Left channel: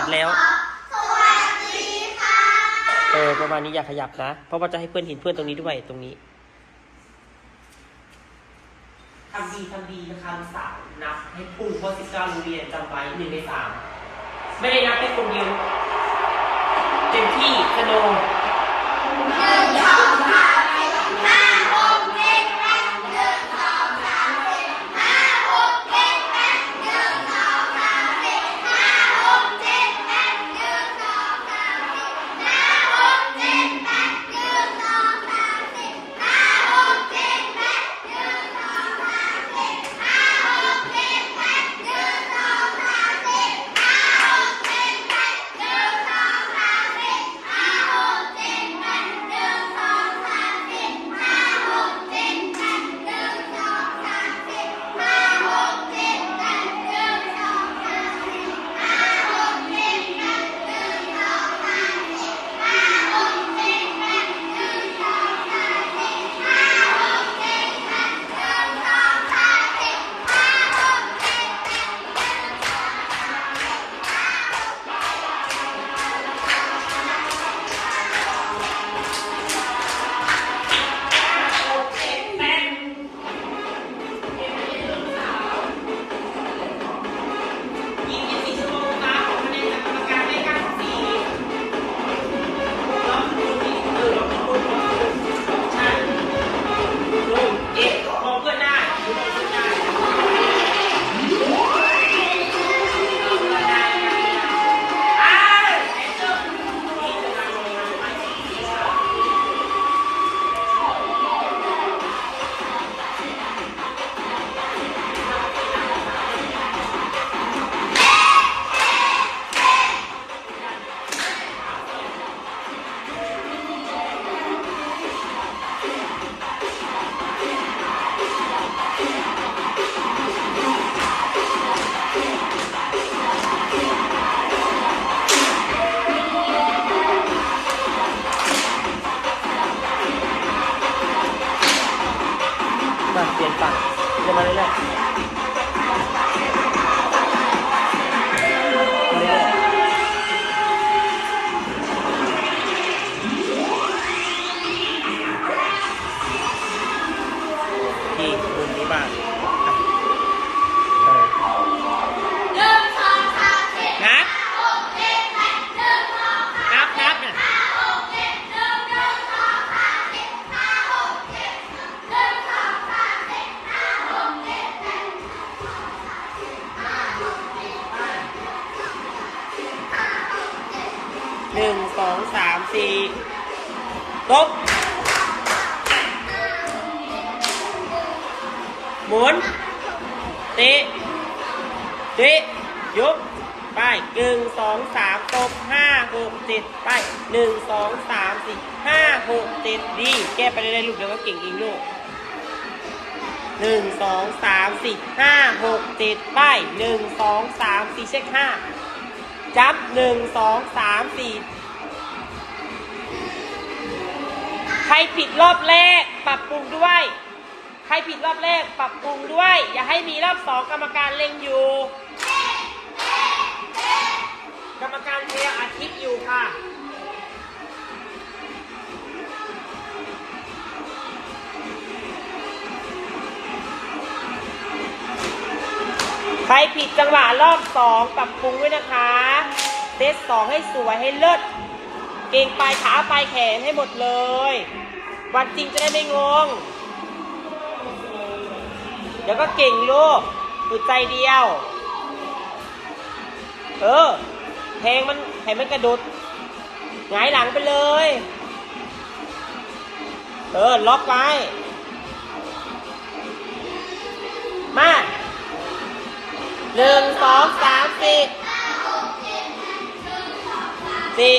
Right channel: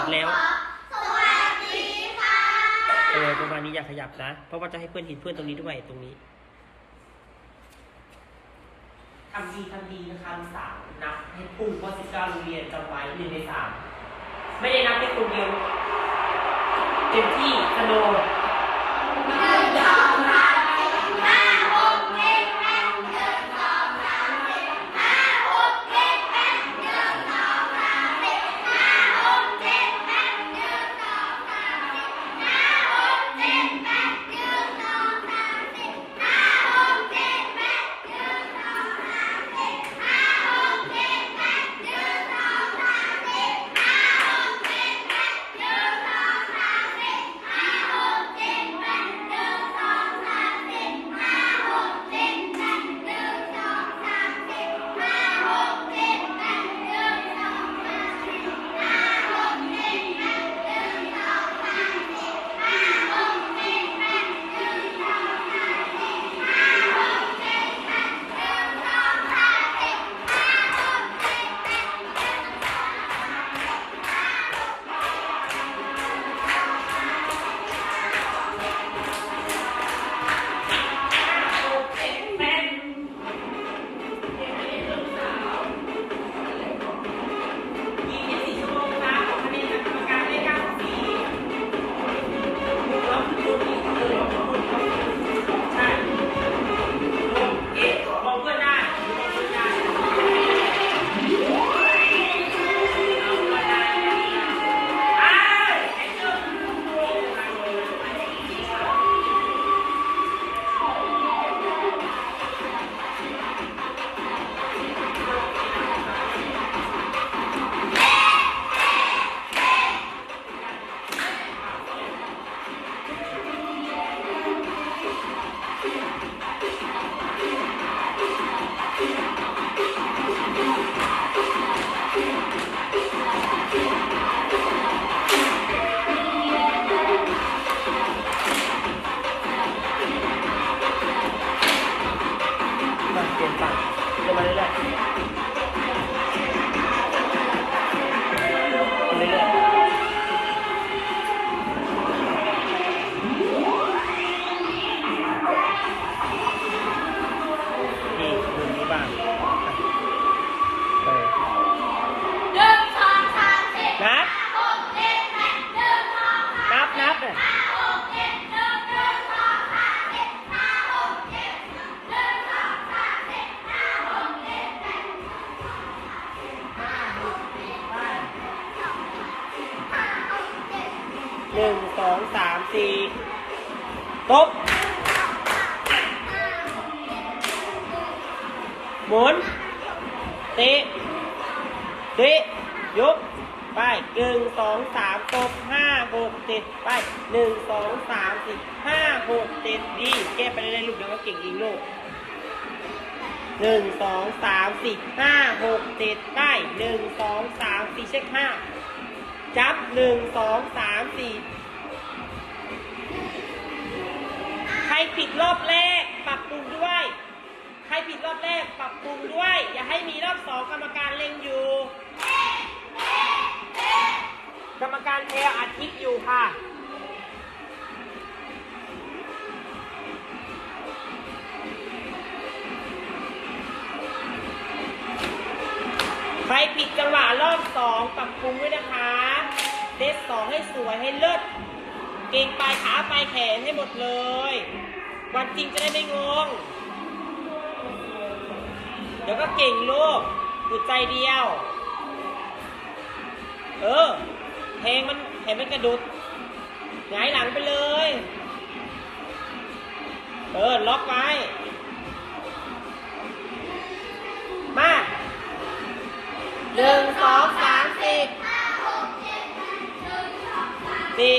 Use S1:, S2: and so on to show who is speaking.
S1: ตัดแล้ว เออประมาณนี้อย่าขยับนะ เพราะว่าจะให้เพื่อนเห็นเพื่อนตรงนี้ด้วยตรงนี้ทำดีทำดีคำสามนับให้พุ่งโพสิการโรงเรียนจำไว้หนึ่งในสามไม่ได้นับให้คนเดียวเต็มที่สนุก หนึ่งสองสามสี่ตบหมุนเตะเตะยกไปหนึ่งสองสามตบห้าหกเจ็ดไปหนึ่งสองสามสี่ห้าหกเจ็ดดีแก้ไปเรื่อยลูกเดี๋ยวก็เก่งเองลูกหนึ่งสองสามสี่ห้าหกเจ็ดไปหนึ่งสองสามสี่เช็คห้า จับหนึ่งสองสามสี่ใครผิดรอบแรกปรับปรุงด้วย ใครผิดรอบแรกปรับปรุงด้วย อย่าให้มีรอบสองกรรมการเล็งอยู่ ผิดจังหวะรอบสองปรับปรุงด้วยนะคะเซตสองให้สวยให้เลิศเก่งปลายขาปลายแขนให้หมดเลย วันจริงจะได้ไม่งง เดี๋ยวก็เก่งลูกอึดใจเดียว เออแทงมันให้มันกระโดดหงายหลังไปเลย เออ ล็อกไว้ หนึ่งสองสามสี่สี่